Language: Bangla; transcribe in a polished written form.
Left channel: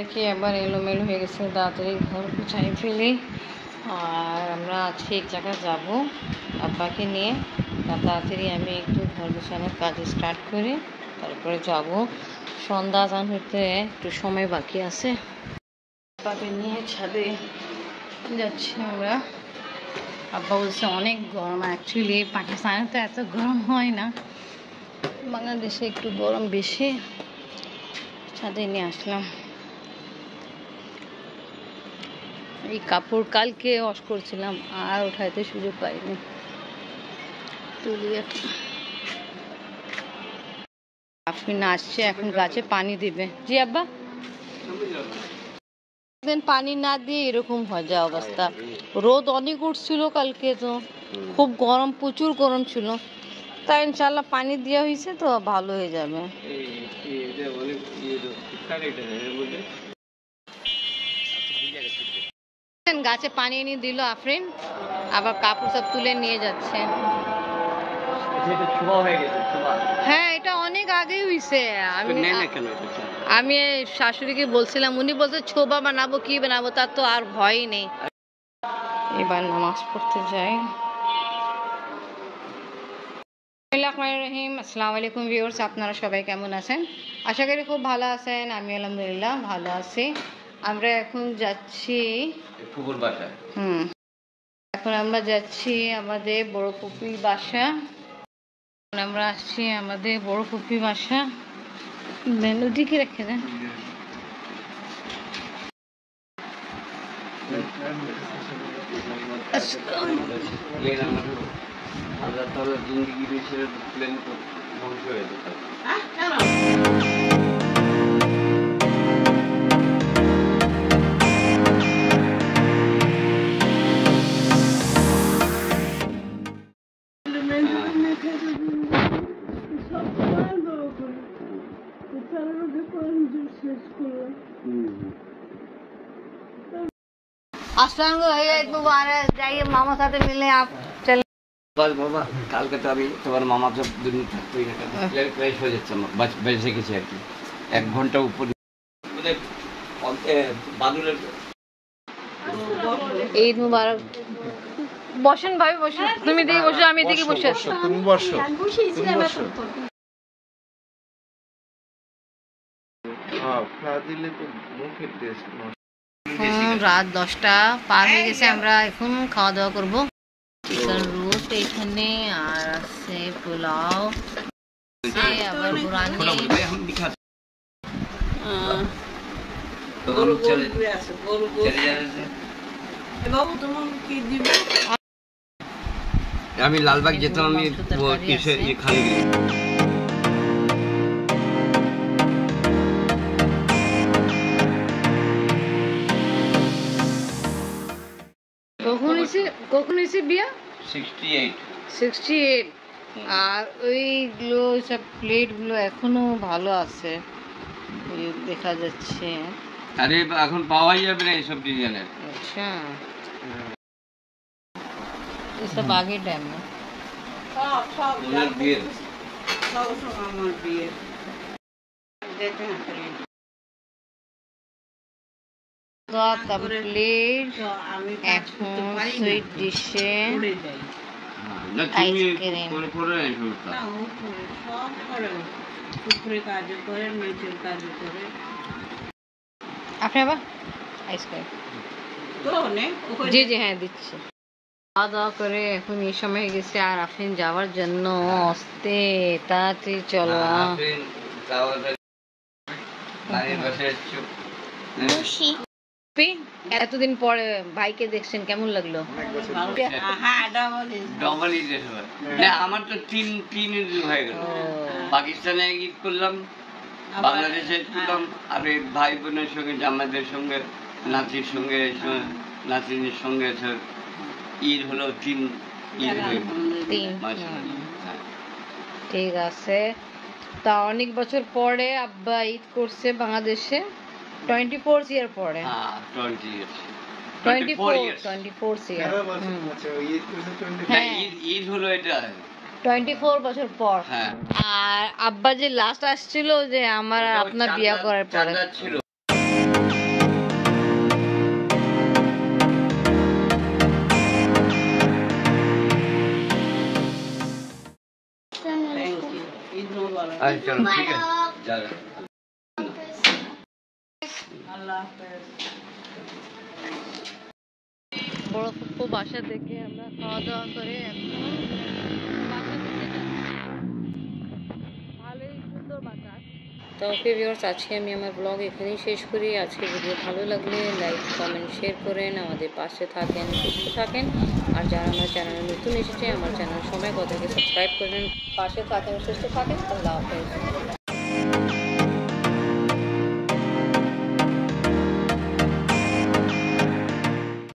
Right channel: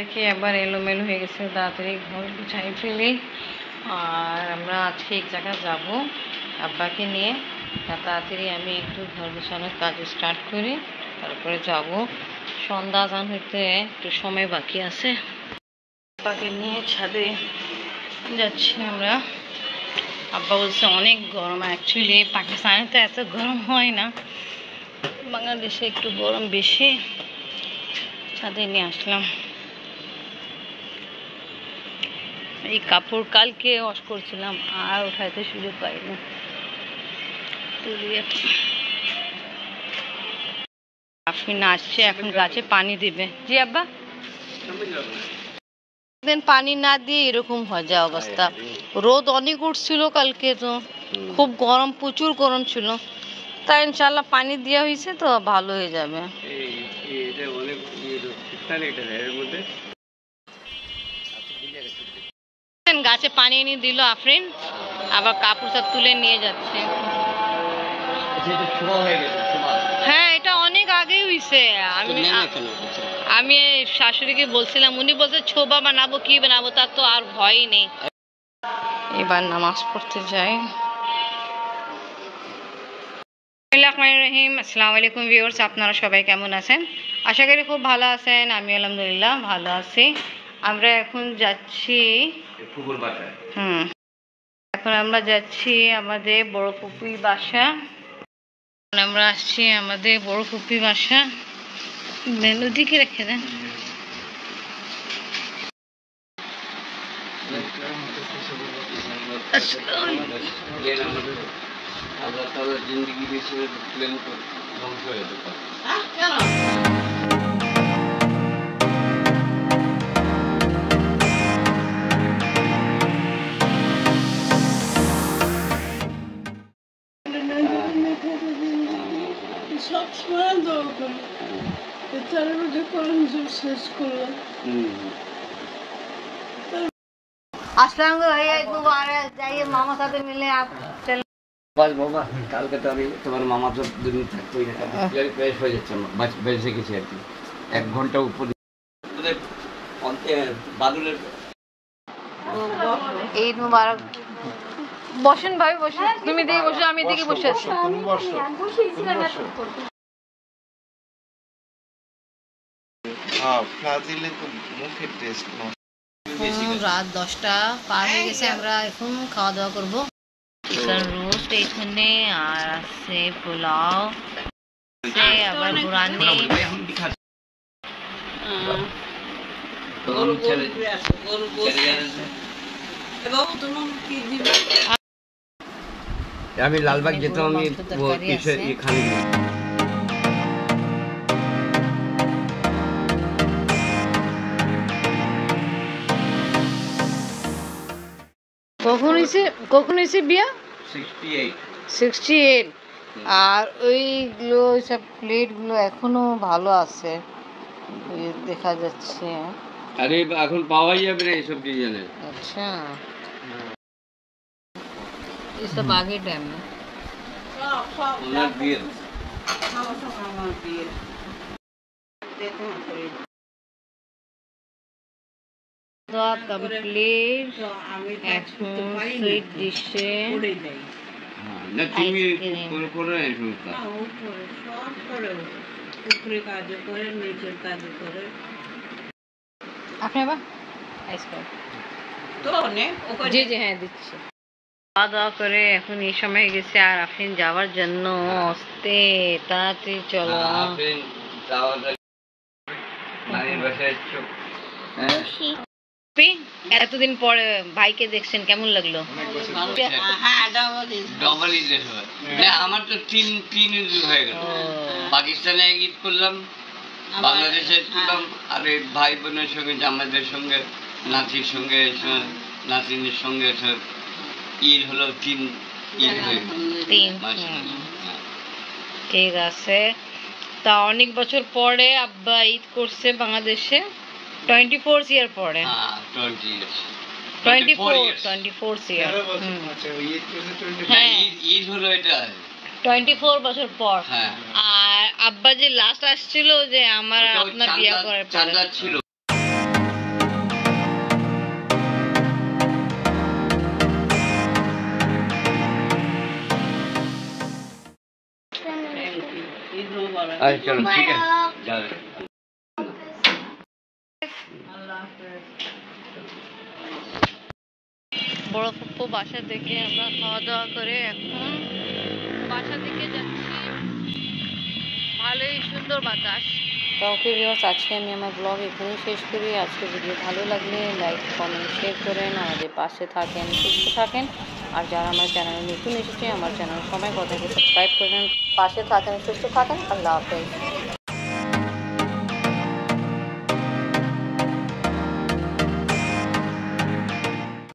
রেখে আবার এলোমেলো হয়ে গেছে, তাড়াতাড়ি ঘর গুছাই ফেলি। আর আমরা আজকে এক জায়গায় যাব আব্বাকে নিয়ে, তাড়াতাড়ি আমি একটু ঘর গুছানোর কাজ স্টার্ট করি, তারপরে যাব। সন্ধ্যা আজান হইতে একটু সময় বাকি আছে। আব্বাকে নিয়ে ছাদে যাচ্ছি আমরা। আব্বা বলছে অনেক গরম। অ্যাকচুয়ালি পাকিস্তানে তো এত গরম হয় না, বাংলাদেশে একটু গরম বেশি। ছাদে নিয়ে আসলাম। এই কাপড় কালকে ওয়াশ করছিলাম, আর উঠাইতে সুযোগ পাইনি। তুলি আপনি আসছে, এখন গাছে পানি দিবে। জি আব্বা, পানি না দিয়ে এরকম হয়ে যায় অবস্থা। রোদ অনেক উঠছিল কালকে, তো খুব গরম, প্রচুর গরম ছিল। তাই ইনশাল্লাহ পানি দেওয়া হয়েছে তো ভালো হয়ে যাবে। গাছে পানি এনে দিল আফরিন, আবার কাপড় সব তুলে নিয়ে যাচ্ছে। হ্যাঁ, এটা অনেক আগেই হয়েছে। আমি শাশুড়িকে বলছিলাম, উনি বলছে ছোবা বানাবো, কি বানাবো, তার তো আর ভয়ই নেই। এবার নামাজ পড়তে যাই। আসসালামু আলাইকুম ভিউয়ার্স, আপনারা সবাই কেমন আছেন? আশা করি খুব ভালো আছেন। আমি আলহামদুলিল্লাহ ভালো আছি। আমরা এখন যাচ্ছি এখন আমরা যাচ্ছি আমাদের বড় পুপির বাসা। আমরা আসছি আমাদের বড় পুপির বাসা। নদীকে রেখে দেন। মামার সাথে মিলে बस बाबा কালকে তো আমি তোমার মামা তো দুদিন থাকতেই না, ফ্রেশ হয়ে যাচ্ছে, বেঁচে গেছি আর কি। 1 ঘন্টা উপর ঈদ মুবারক। বসেন ভাই, বসেন। তুমি দিকে বসো, আমি দিকে বসে আছি। তুমি বসো। রাত 10টা পার হয়ে গেছে, আমরা এখন খাওয়া দাওয়া করবো। চিকেন রোস্ট এখানে, আর আছে পোলাও, আবার বুরানি। আমি লালবাগ যেতাম, আমি খালি কখন হয়েছে বিয়া? 68। আর ওইগুলো সব প্লেটগুলো এখনো ভালো আছে, দেখা যাচ্ছে। আরে এখন পাওয়াই যাবে না এইসব ডিজাইনের। আচ্ছা, এসব আগে টাইম না। কমপ্লিট। এখন সুইট ডিশে আইসক্রিম। আপনি আবার আইসক্রিম? জি জি, হ্যাঁ দিচ্ছি। খাওয়া দাওয়া করে এখন এই সময় গেছে, আর আফরিন যাওয়ার জন্য আসতে। তাড়াতাড়ি চলো। এতদিন পরে ভাইকে দেখছেন, কেমন লাগলো? আমার তো তিন ঈদ হয়ে গেল। পাকিস্তানে ঈদ করলাম, বাংলাদেশে ঈদ করলাম, আর ভাই বোনের সঙ্গে, জামাইদের সঙ্গে, নাতির সঙ্গে, নাতিনের সঙ্গে ঈদ হলো 3 ঈদ হয়ে গেল। ঠিক আছে। তা অনেক বছর পরে আব্বা ঈদ করছে বাংলাদেশে, 24 ইয়ার পরে। 24 ইয়ার। ঈদ হলো এটা 24 বছর পর। আর আব্বা যে লাস্ট আসছিল, যে আমার আপনার বিয়ে করার পরে ছিল। আচ্ছা চলো ঠিক আছে যাবে বড় ফুপ্পু বাসা থেকে আমরা খাওয়া দাওয়া করে এখন বাসা থেকে যাচ্ছি। ভালোই সুন্দর বাতাস। তো ওকে ভিউয়ার্স, আজকে আমি আমার ব্লগ এখানেই শেষ করি। আজকে ভিডিও ভালো লাগলে লাইক কমেন্ট শেয়ার করেন, আমাদের পাশে থাকেন, সুস্থ থাকেন। আর যারা আমার চ্যানেলে নতুন এসেছে, আমার চ্যানেল সময় কথাকে সাবস্ক্রাইব করেন। পাশে থাকেন, সুস্থ থাকেন। আল্লাহ হাফেজ।